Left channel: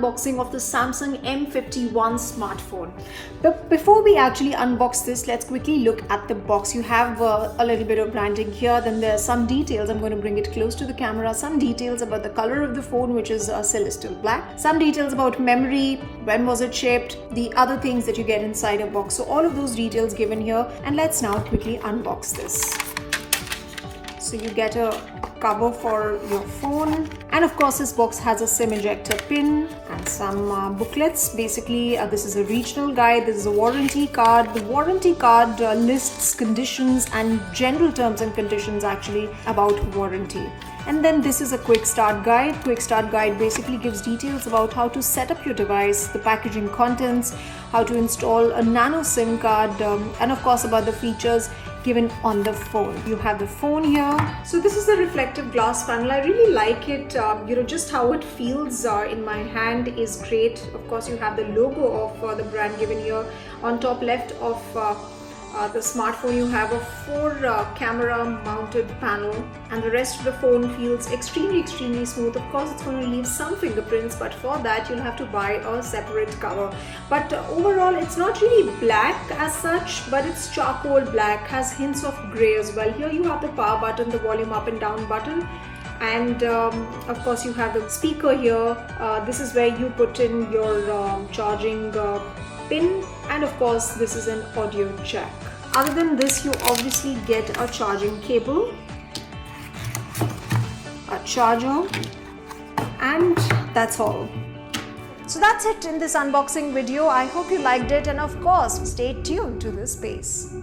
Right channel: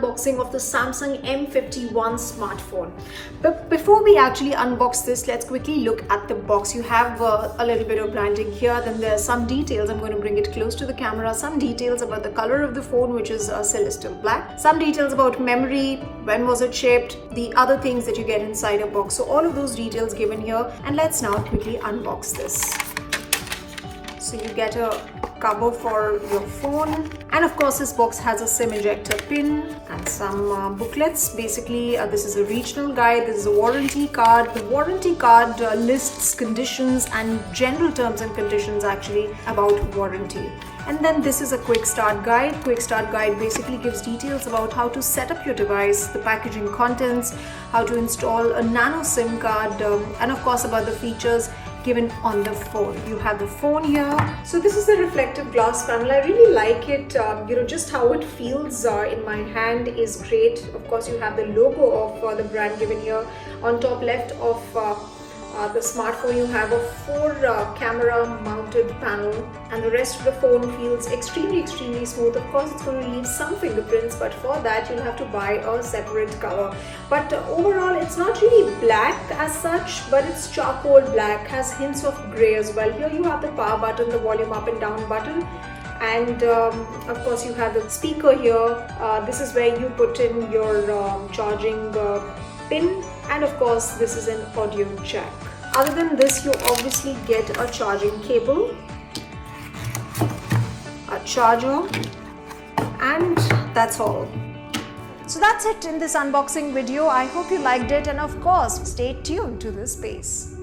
unboxing of the Samsung M51 smartphone. But before we actually unbox this, let's quickly look at the box. You have a little bit of branding here, then there are some details. I'm going to bring it close to the camera. Some details about the color of the phone, which is celestial black. Some details about memory, when was it shipped, the other things that you get inside a box. So all of those details given here, and let's now quickly unbox this. So you get a cover for your phone, and of course this box has a SIM ejector pin and some booklets. Basically this is a regional guide, this is a warranty card. The warranty card lists conditions and general terms and conditions actually about warranty. And then this is a quick start guide. Quick start guide basically gives details about how to set up your device, the packaging contents, how to install a nano SIM card, and of course about the features given on the phone. You have the phone here. So this is the reflective glass panel. I really like it. Just how it feels in my hand is great. Of course, you have the logo of the brand given here. On top left of the smartphone, you have a 4 camera mounted panel, and the rest of the phone feels extremely smooth. Of course, it's going to leave some fingerprints, but for that you'll have to buy a separate cover. But overall, it's not really black as such, but it's charcoal black, has hints of grey as well. Here you have the power button, the volume up and down button, and of course you have the speaker here. This is where you put in your charging pin, and of course this is an audio jack. Other than this, you obviously get a charging cable, a charger, and that's all. So that's it in this unboxing video. I hope you liked it, and of course stay tuned to this space.